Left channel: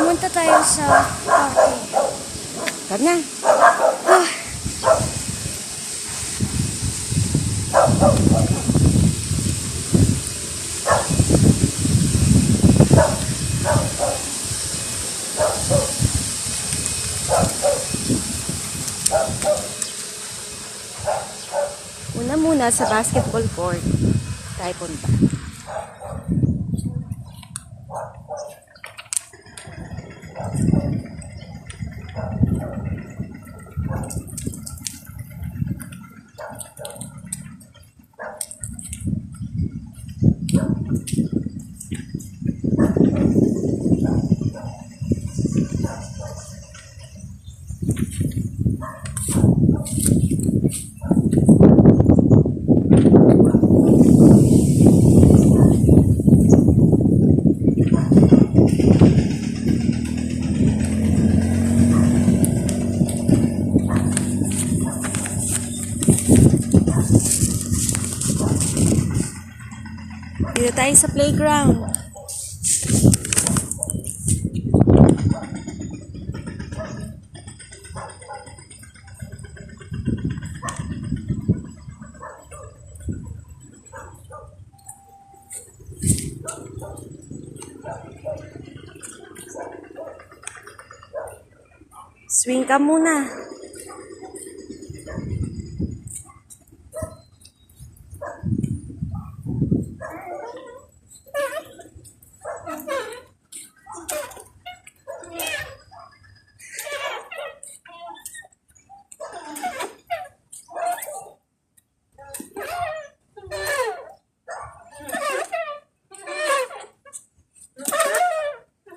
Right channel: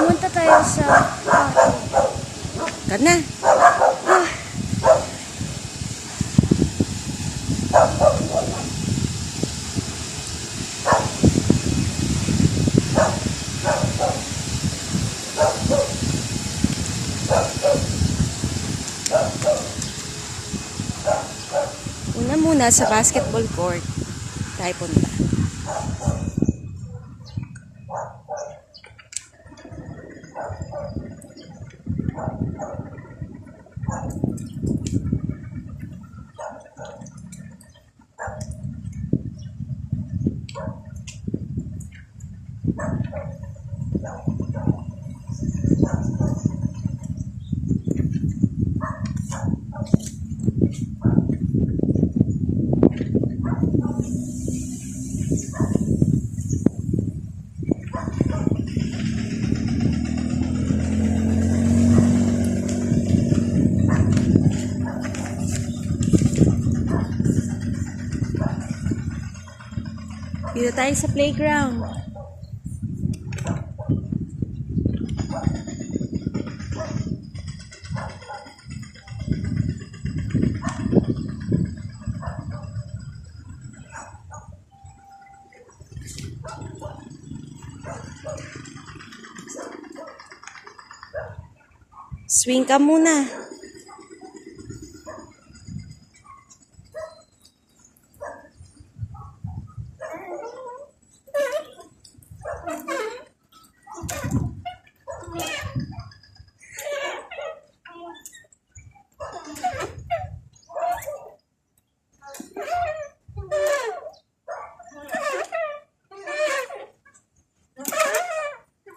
Pumunta tayo sa party. Kana? Ah. Una muna sa basketball court tayo punta. Dito tayo sa playground. Swing ka muna.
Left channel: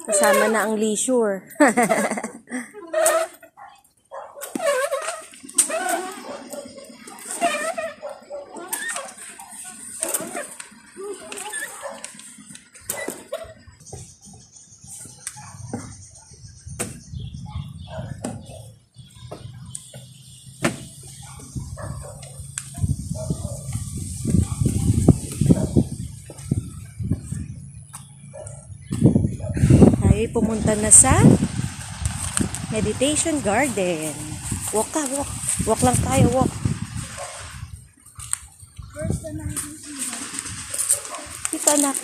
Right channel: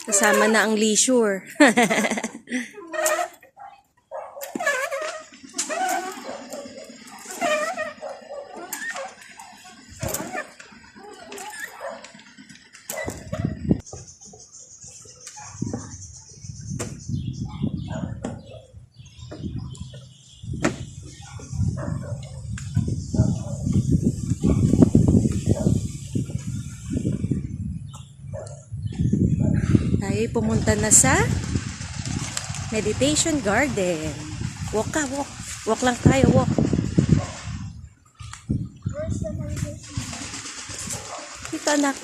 Kasama na ang leisure. Tayo pumunta na sa meditation garden. Walk ka, walk. Walk lang tayo, walk. Where's the meditation? Dito, anak.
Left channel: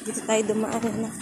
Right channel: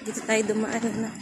Dito tayo dumaan na.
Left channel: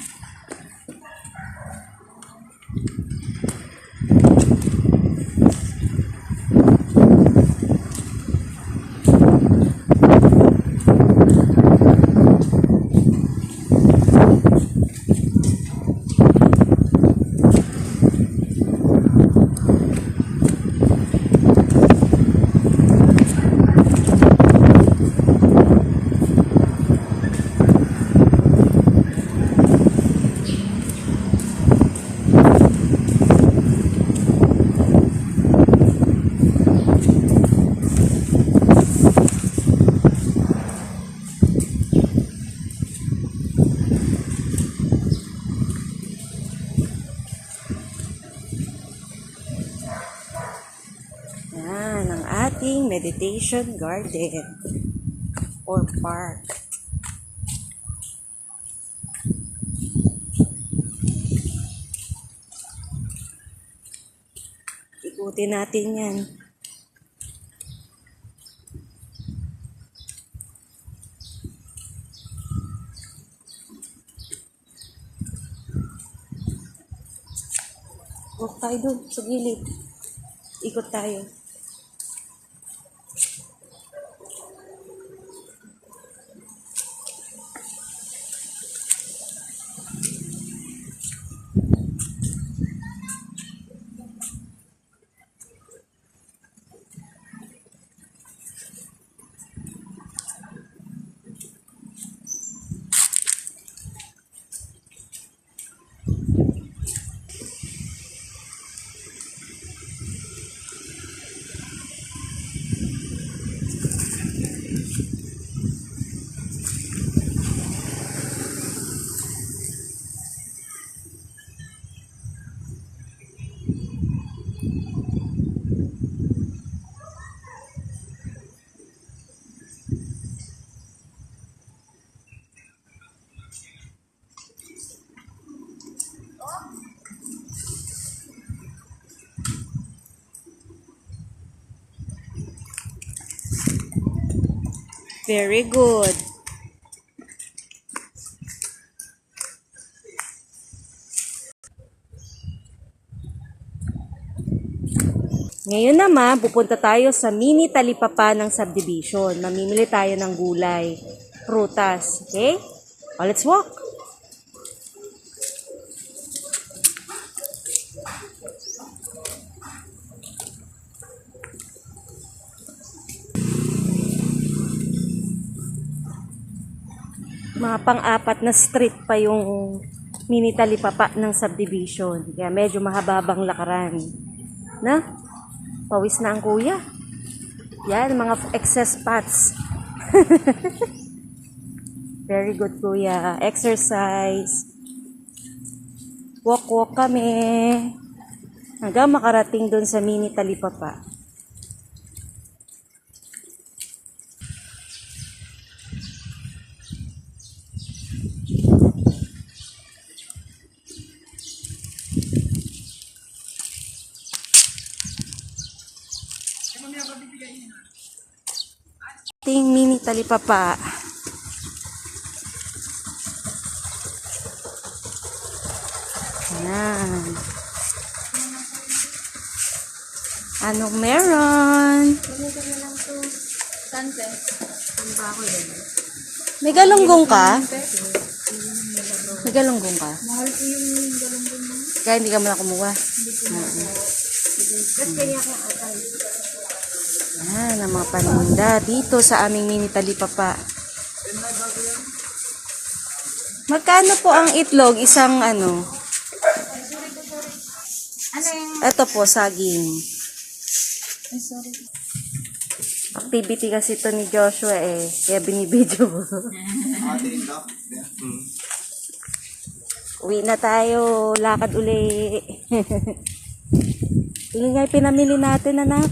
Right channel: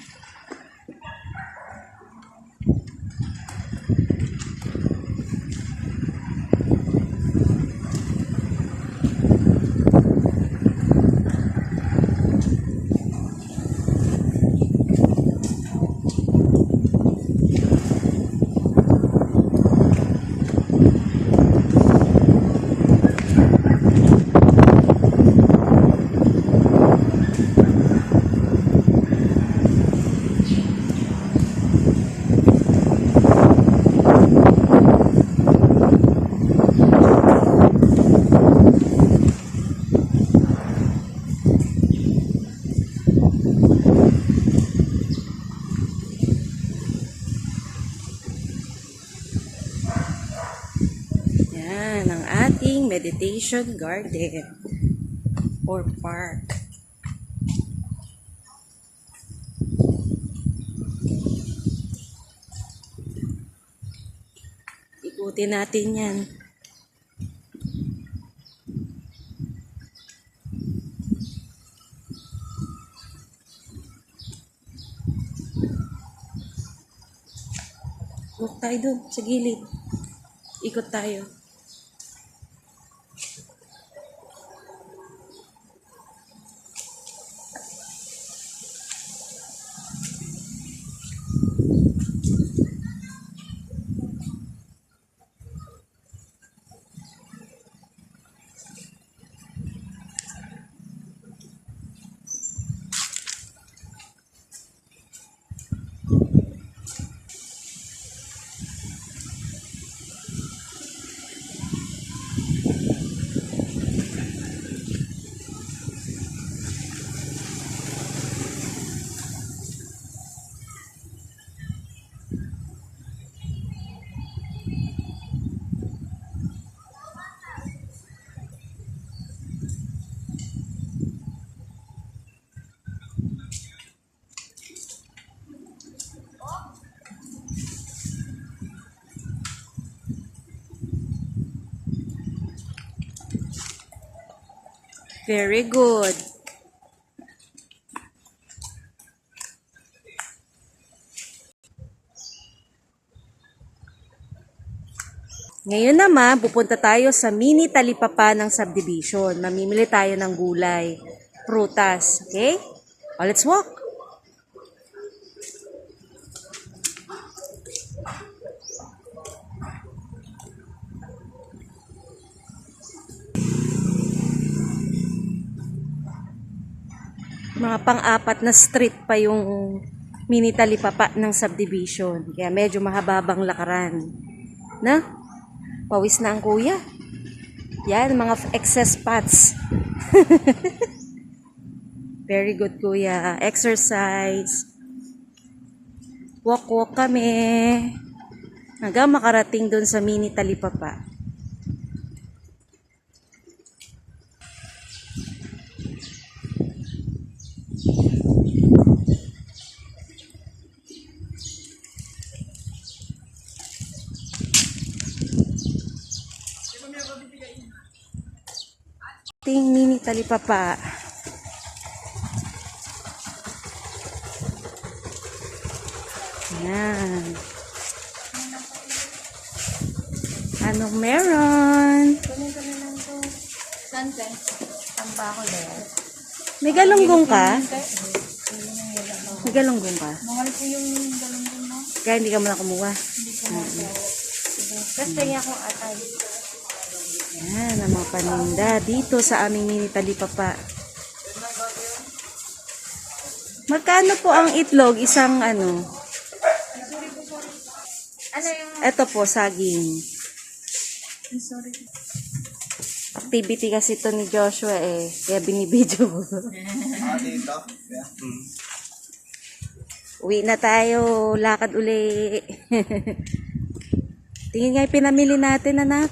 Yan ang ating meditation garden or park. Ikutin natin yan. Walk tayo dun sa gilid. Ikot tayo. Very good. Ngayon naman, pupunta tayo sa mini talipapa ng subdivision. Mamimili tayo ng gulay, prutas. Okay? O, let's walk. Mga pang-apat na street pa yung mini talipapa ng subdivision. Kaya medyo mahababang lakaran. Na? Pawis na ang kuya. Yan, mga excess fats. Very good, kuya. Exercise. Walk-walk kami. Hanggang makarating dun sa mini talipapa. Ting mini talipapa. Ayan. Anong meron? Sante. Santa ako din. May galunggong ka? May galunggong ka? Mahal po yung galunggong mo. Kaya hindi ka muna kumuha. Hindi ko na. Tapos kaya akong atay. Yan, ang mga paninda dito sa aming mini talipapa. Magkano po ang itlog? Isang ano? Ano yung... Ito po, saging. Sorry. Activity kasi ito ni Joshua eh. Kaya binibidyo. Uwi na tayo. Lakad uli. Tingin nga yung pinamili natin, anak.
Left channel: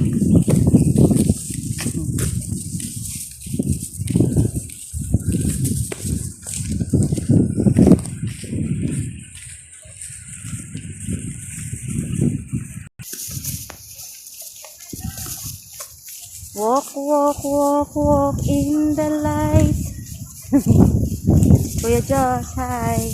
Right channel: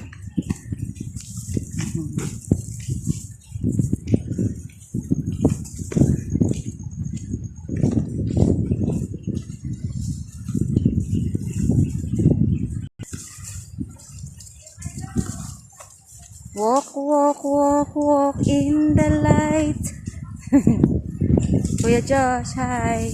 Walk, walk, walk, walk in the light. Kuya Josh, hi.